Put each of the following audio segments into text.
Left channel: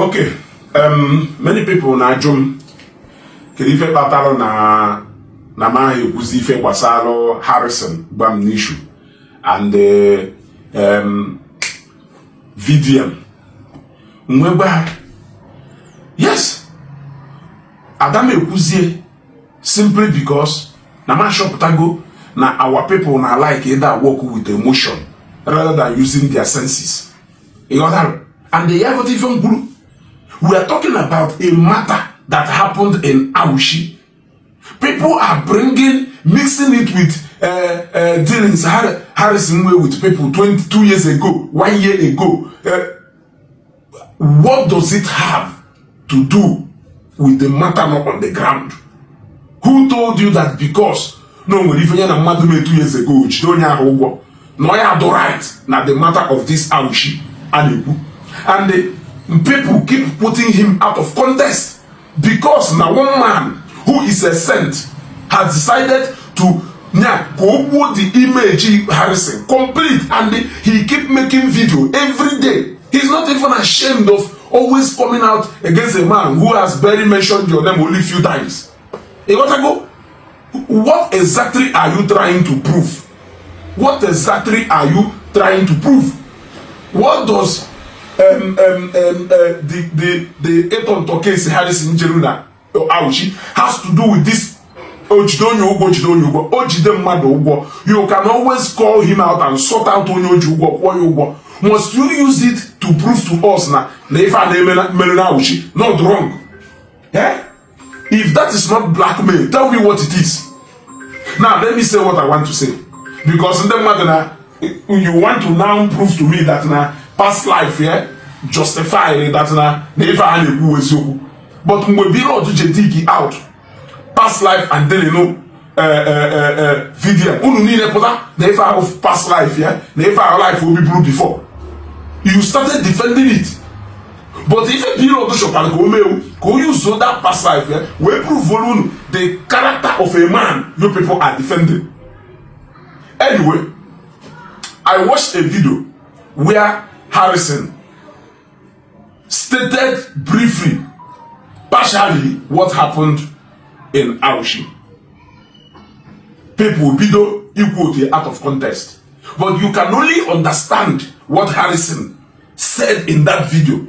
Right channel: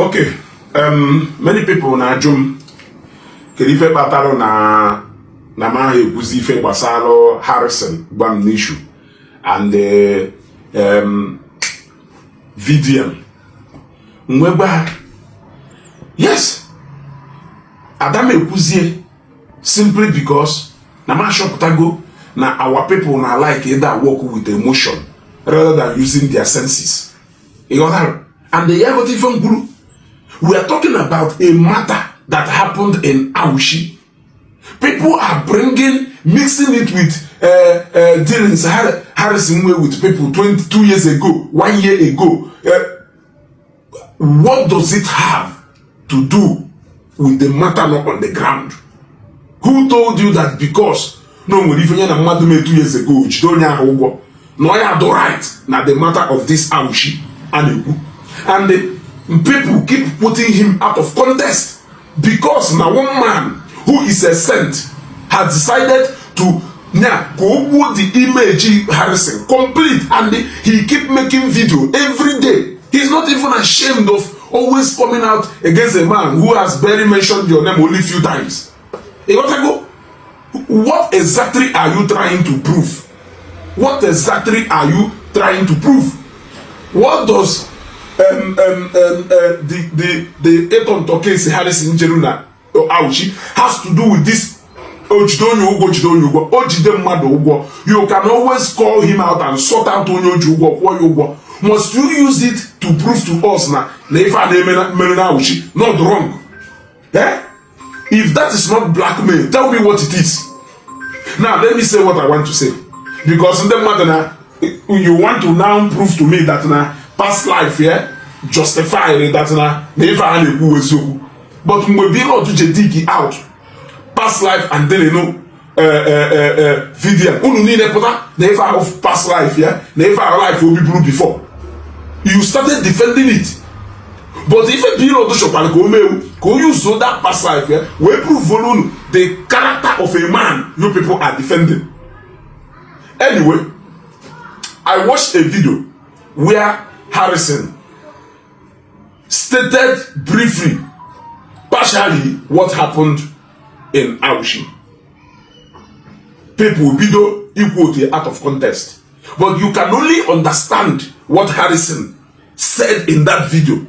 Okay, many people na ajum kedu ife kpatara na ma ekwuzi ife gbasara Harrison Gwamnishu and VDM mweba. Yes, Adam ekwuzie simply because na ma shoputago na our people na like either work with emotion rather than using their senses. You know, and the other different group. We are talking about a matter that happened in Aushi. People are mixing it with dealings Harrison way with people 22 years ago, 1 year ago. What does it have to do with the matter not on the ground? Who told you that because no one even a mother made 2 years ago, which don't have no you have the right now the matter of this Aushi and the people keep putting him out of context because now one man who is a saint has decided to go the image Harrison complete, and he keep making video every day. He's not even ashamed of always coming out against a man who has barely mentioned your name only few times. What exactly are you trying to prove? What exactly are you trying to prove? What does the Eton Tokens Harrison Jeruna Auchi has to do with this Ojidonyo Ugo Ojidem Mado? You can always call him out and sort out Onyo Jugo. Must you use it to prove to us now not wrong? Yeah? If that is not blackmail, tell me what it is. Now let me say what I want to say. Because in the matter you want to now prove to me that past life here justify that never Ezeugo. But when we able to dig out past life and then video never of past life here, never life will be blue before. You started defending it. But if a period of shop go use that past life here, we prove the character of a man you people are defending. Anyway, I watched a video where Harrison stated briefly, partially, what happened in Aushi. People will be equal to out of context. But you can only understand what Harrison said in that video.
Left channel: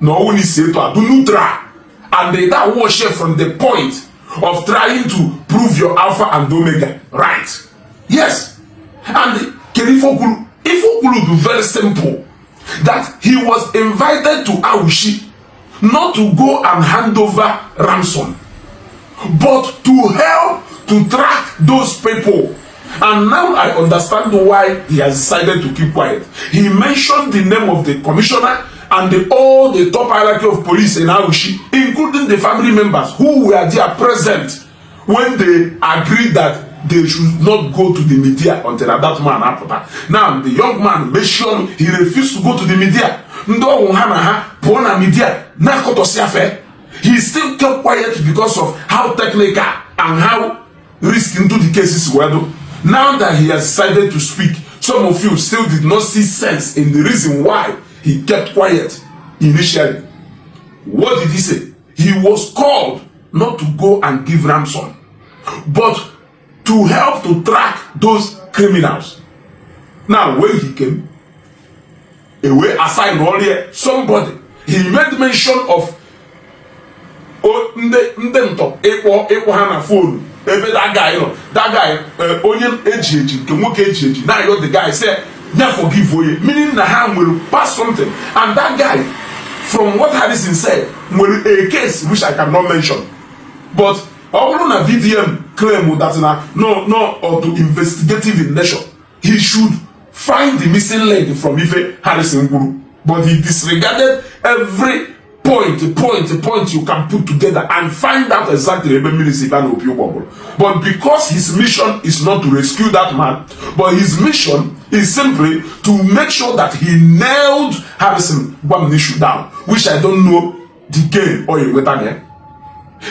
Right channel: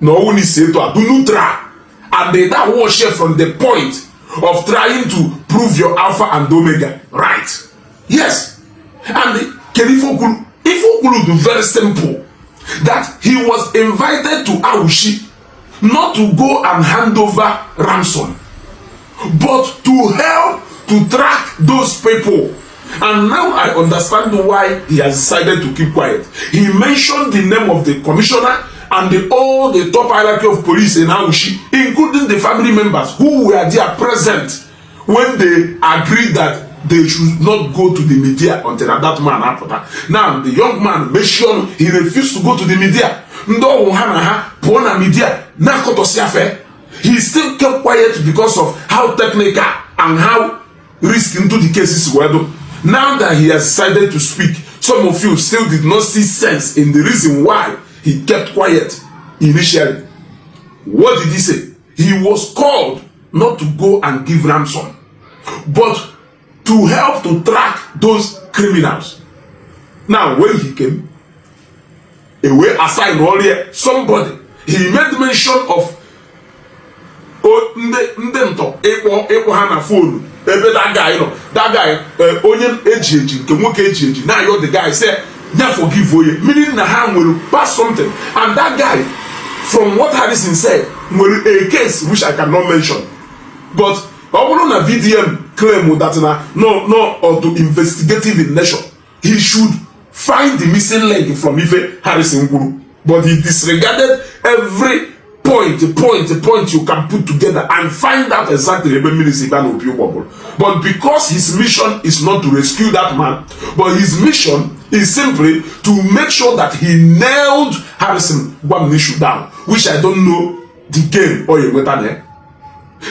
No one is said to do not try. And that was shared from the point of trying to prove your Alpha and Omega. Right? Yes. And Ifo Gulu very simple. That he was invited to Aushi not to go and hand over ransom, but to help to track those people. And now I understand why he has decided to keep quiet. He mentioned the name of the commissioner and all the top hierarchy of police in Aushi, including the family members who were there present when they agreed that they should not go to the media until that man happened. Now the young man mentioned he refused to go to the media. He still kept quiet because of how technical and how risky into the cases were. Now that he has decided to speak, some of you still did not see sense in the reason why he kept quiet initially. What did he say? He was called not to go and give ransom, but to help to track those criminals. Now, when he came, away aside earlier, somebody, he made mention of phone. That guy, onion edge, now you're the guy say, never forgive for you. Meaning the hand will pass something. And that guy, from what Harrison said, will a case which I cannot mention. But all on a VDM claim that no or to investigative in nature. He should find the missing leg from Harrison Guru. But he disregarded every point you can put together and find out exactly but because his mission is not to rescue that man, but his mission is simply to make sure that he nailed Harrison Gwamnishu down, which I don't know the game or a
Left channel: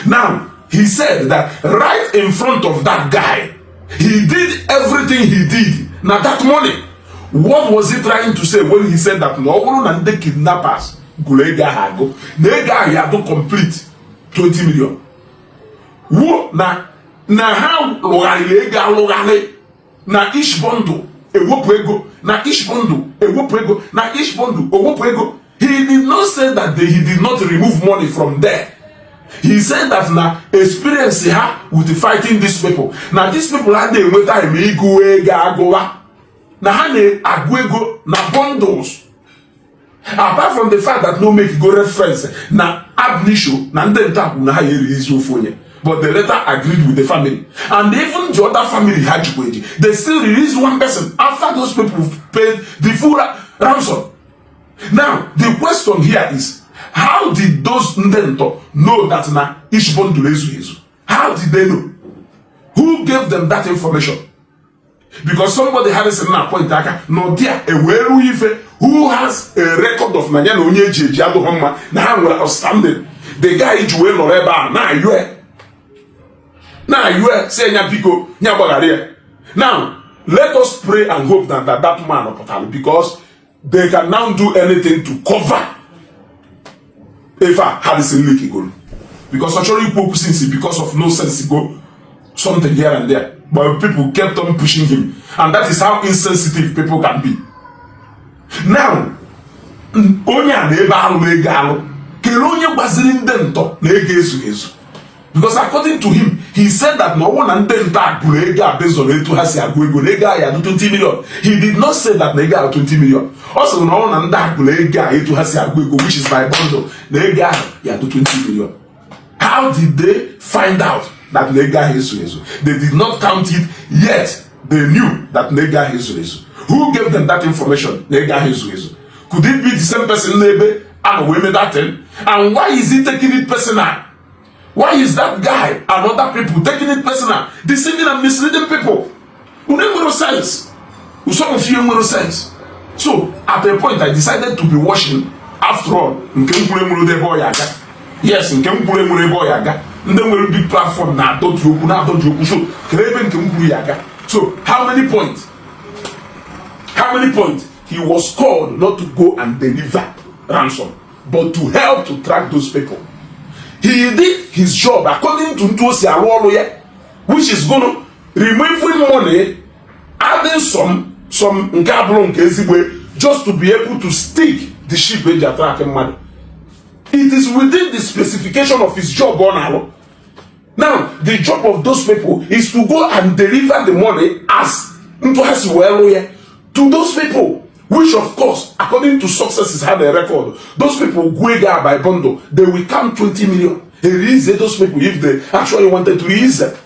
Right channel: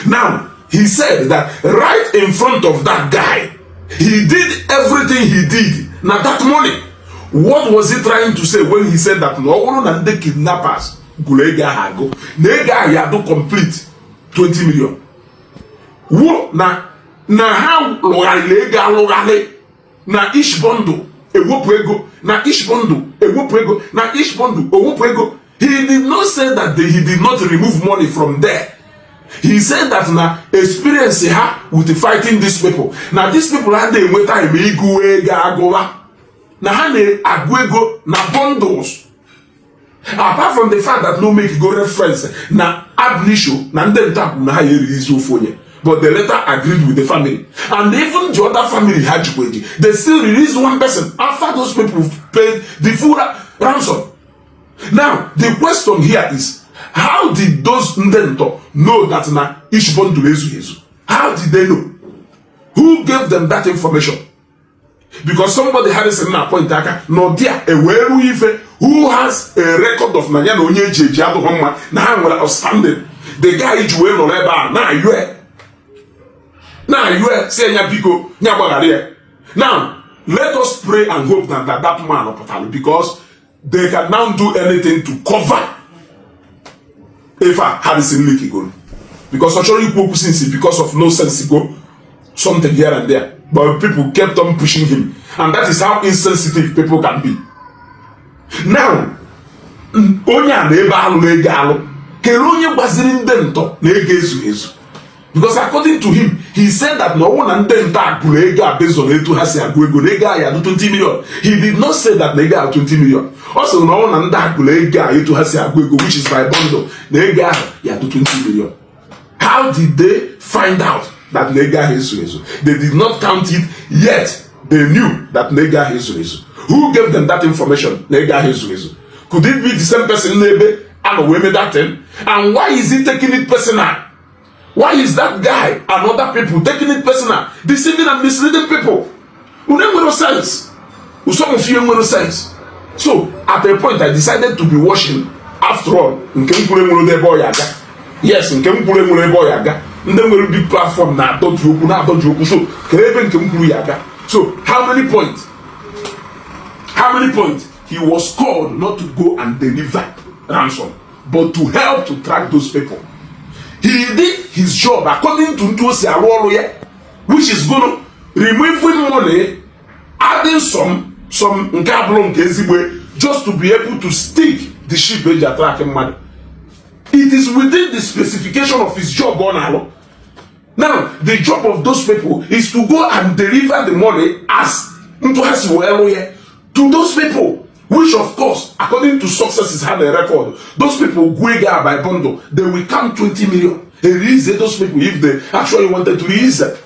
now. He said that right in front of that guy, he did everything he did. Now that morning, what was he trying to say when he said that no one and the kidnappers gulega hago nega ya do complete 20 million wo na ha lugale na each bundle ewopu ego na each bundle ewopu ego na each bundle ewopu ego. He did not say that he did not remove money from there. He said that na experience he had with fighting these people. Now these people had them with time na ha na-agụ ego na bundles. Apart from the fact that no make go reference na Gwamnishu na ndị ntapu na ha release ofu onye, but they later agreed with the family, and even the other family had to pay. They still released one person after those people paid the full ransom. Now the question here is, how did those ndento know that na each bundle ezu? How did they know? Who gave them that information? Because somebody Harrison na point aka no dia eweru ife who has a record of nanya na onye eji ado homma na ha nwere outstanding. The guy ji we no eba na yue say nya biko nya gbagare. Now let us pray and hope that that man opotali, because they can now do anything to cover if Harrison leak go. Because actually because of no sense go something here and there. But people kept on pushing him. And that is how insensitive people can be. Now, because according to him, he said that no one and then based on it to has 20 million. He did not say that nega 20 million. Also, no one and that to has which is by bundle. Nega 20 million. How did they find out that nega Ezeugo? They did not count it yet. They knew that nega Ezeugo. Who gave them that information? Nega Ezeugo. Could it be the same person maybe and we made that thing? And why is he taking it personal? Why is that guy and other people taking it personal, deceiving and misleading people? Who never no sense. Who some of you no sense. So at a point I decided to be watching. After all, yes, in Kempure boy yaga. And then will be platform now. Don't you so Kreben Kempure yaga. So how many points? How many points? He was called not to go and deliver ransom, but to help to track those people. He did his job according to Ntosi Awoloye, which is gonna removing money, adding some Nkablon Ezeugo just to be able to stick the ship when they are tracking money. It is within the specification of his job on our. Now, the job of those people is to go and deliver the money as Ntosi Awoloye to those people. Which of course, according to successes had a record, those people go by bundle, they will count 20 million. They release those people if they actually wanted to release them.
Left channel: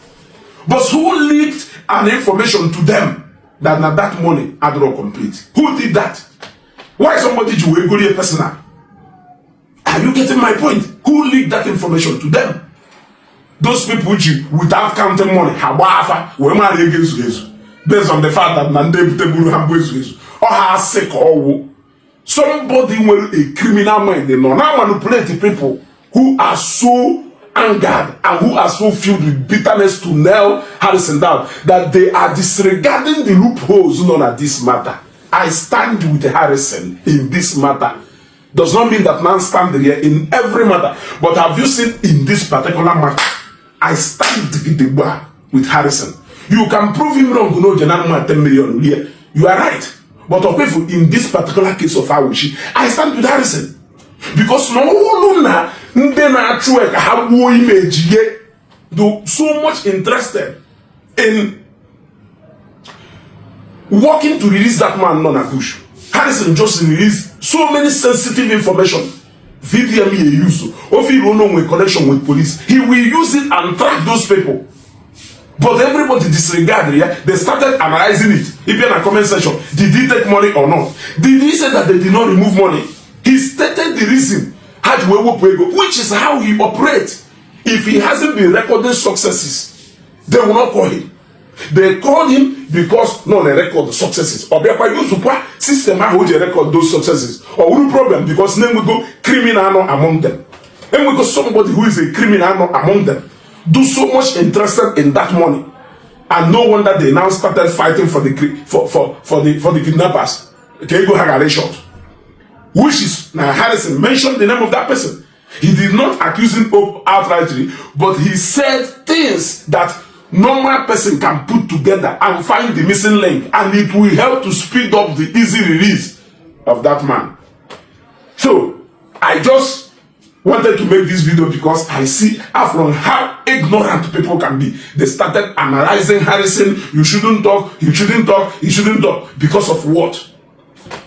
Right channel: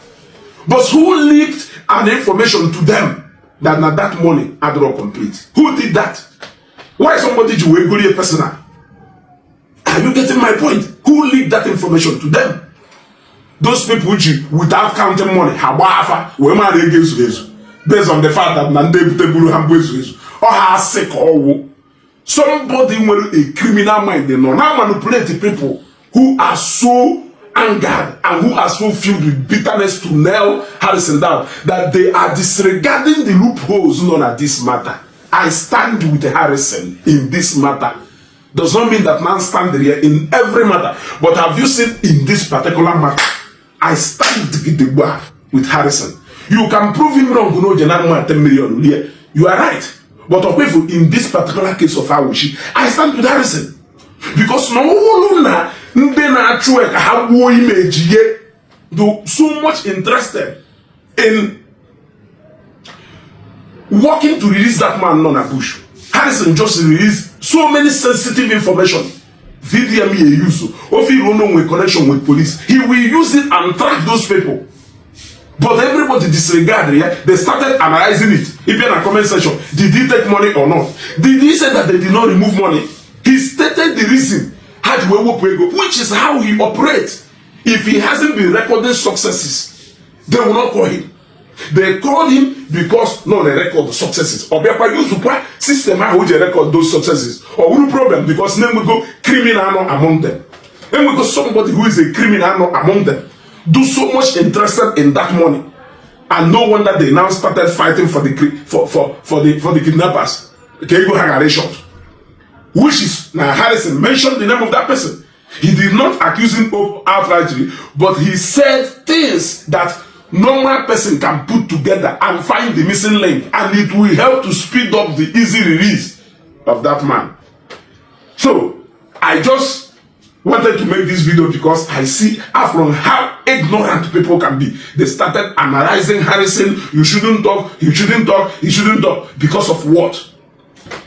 But who leaked an information to them that now that money had not complete? Who did that? Why somebody do a personal? Are you getting my point? Who leaked that information to them? Those people without counting money, based on the fact that Nande or has sick or somebody with a criminal mind, they know now manipulate the people who are so angered and who are so filled with bitterness to nail Harrison down that they are disregarding the loopholes known at this matter. I stand with Harrison in this matter. Does not mean that man stand here in every matter, but have you seen in this particular matter? I stand with Harrison. You can prove him wrong, no, 10 million. You are right. But in this particular case of Awishi, I stand with Harrison. Because no na how image do so much interested in working to release that man non push. Harrison just released so many sensitive information. Video me use. If you don't know with connection with police, he will use it and track those people. But everybody disregarded, yeah? They started analyzing it. If you're in a comment section, did he take money or not? Did he say that they did not remove money? He stated the reason, which is how he operates. If he hasn't been recording successes, they will not call him. They called him because no, they record the successes. Or they use the system how they record those successes. Or no problem because then we go criminal among them. Then we go somebody who is a criminal among them. Do so much interested in that money, and no wonder they now started fighting for the kidnappers. Okay, you go hang a shot. which is now Harrison mentioned the name of that person. He did not accuse him outrightly, but he said things that normal person can put together and find the missing link, and it will help to speed up the easy release of that man. So I just wanted to make this video because I see from how ignorant people can be. They started analyzing Harrison. You shouldn't talk, he shouldn't talk, he shouldn't talk. Because of what?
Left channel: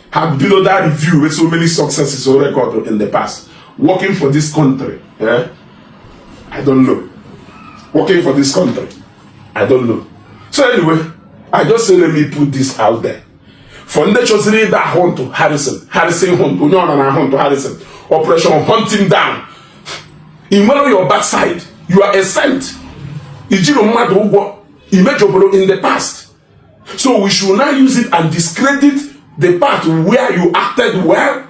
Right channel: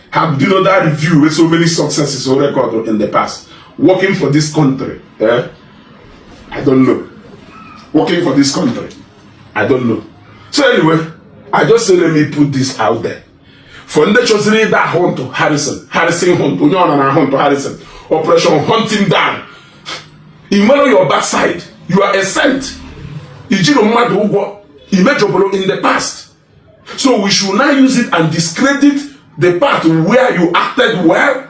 How do you know that review with so many successes on record in the past? Working for this country, I don't know. Working for this country, I don't know. So anyway, I just say let me put this out there. For the chosen that hunt to Harrison hunt, hunt to Harrison. Operation hunt him down. In one of your backside, you are a saint. In the past. So we should not use it and discredit the part where you acted well.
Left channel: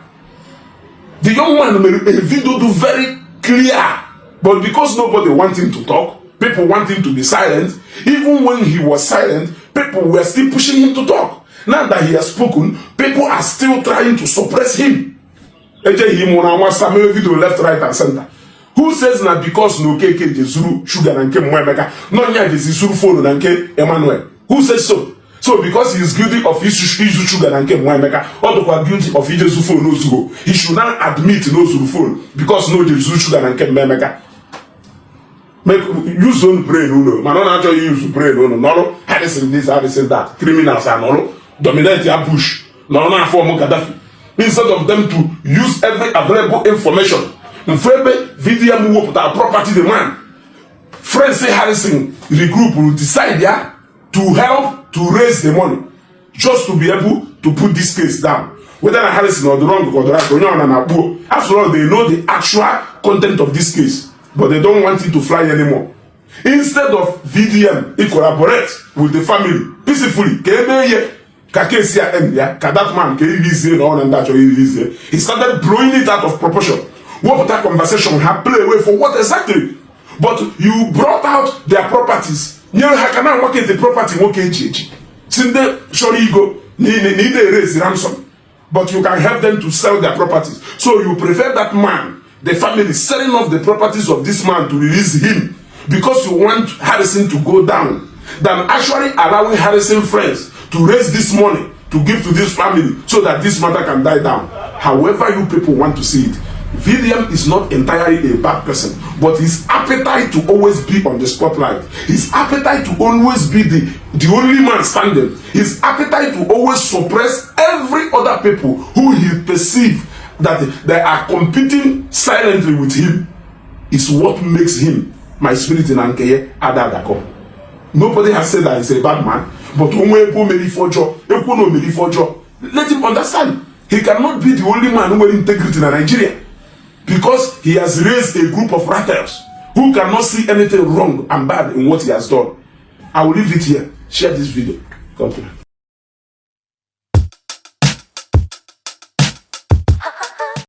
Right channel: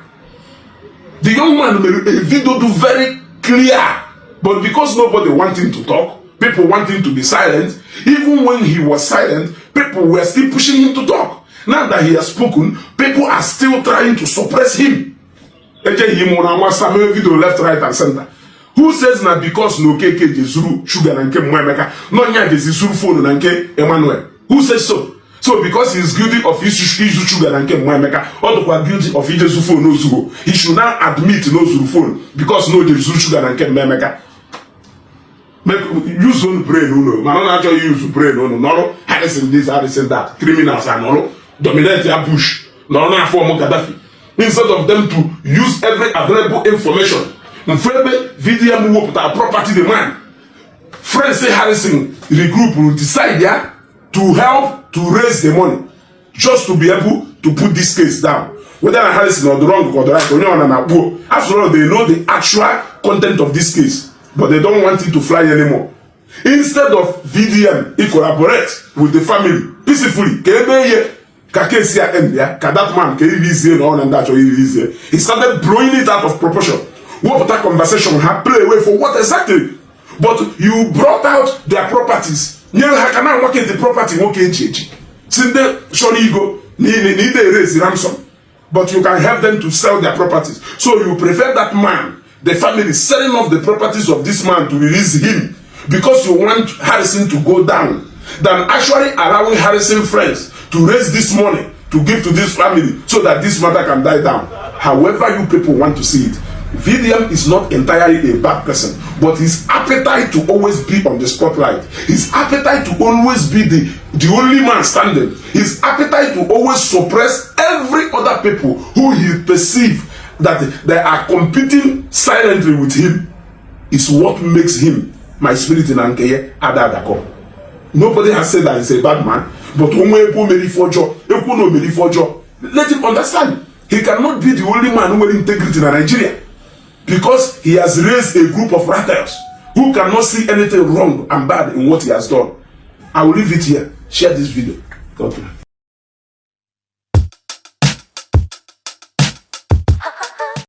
The young man made a video do very clear, but because nobody wants him to talk, people want him to be silent. Even when he was silent, people were still pushing him to talk. Now that he has spoken, people are still trying to suppress him. Video left, right, and center. Who says that because no KK Jezuru sugar and Mwemeka, no nya Jezuru phone and Emmanuel? Who says so? So because he is guilty of Izu sugar and Mwemeka, or the guilty of Izu phone no Zuru, he should not admit no Zuru phone because no Jezuru sugar and Mwemeka. Use own brain, no, man, not actually use brain, no, Harrison this, Harrison that, criminals are no, dominate your bush, no, form Gaddafi. Instead of them to use every available information, video move up our property demand. Friends say Harrison, the group will decide to help to raise the money, just to be able to put this case down. Whether Harrison or the wrong or the right, after all, they know the actual content of this case. But they don't want it to fly anymore. Instead of VDM, he collaborate with the family peacefully. He started blowing it out of proportion. What that conversation had play away for what exactly? But you brought out their properties. How can I work at the property? Sinde surely go need to raise ransom. But you can help them to sell their properties. So you prefer that man, the family, selling off the properties of this man to release him because you want Harrison to go down, than actually allowing Harrison friends to raise this money to give to this family so that this matter can die down. However you people want to see it, VDM is not entirely a bad person, but his appetite to always be on the spotlight, his appetite to always be the only man standing, his appetite to always suppress every other people who he perceives that they are competing silently with him is what makes him my spirit in Ankeye Adadako. Nobody has said that he's a bad man, but let him understand he cannot be the only man who has integrity in Nigeria, because he has raised a group of rattlers who cannot see anything wrong and bad in what he has done. I will leave it here. Share this video. God bless.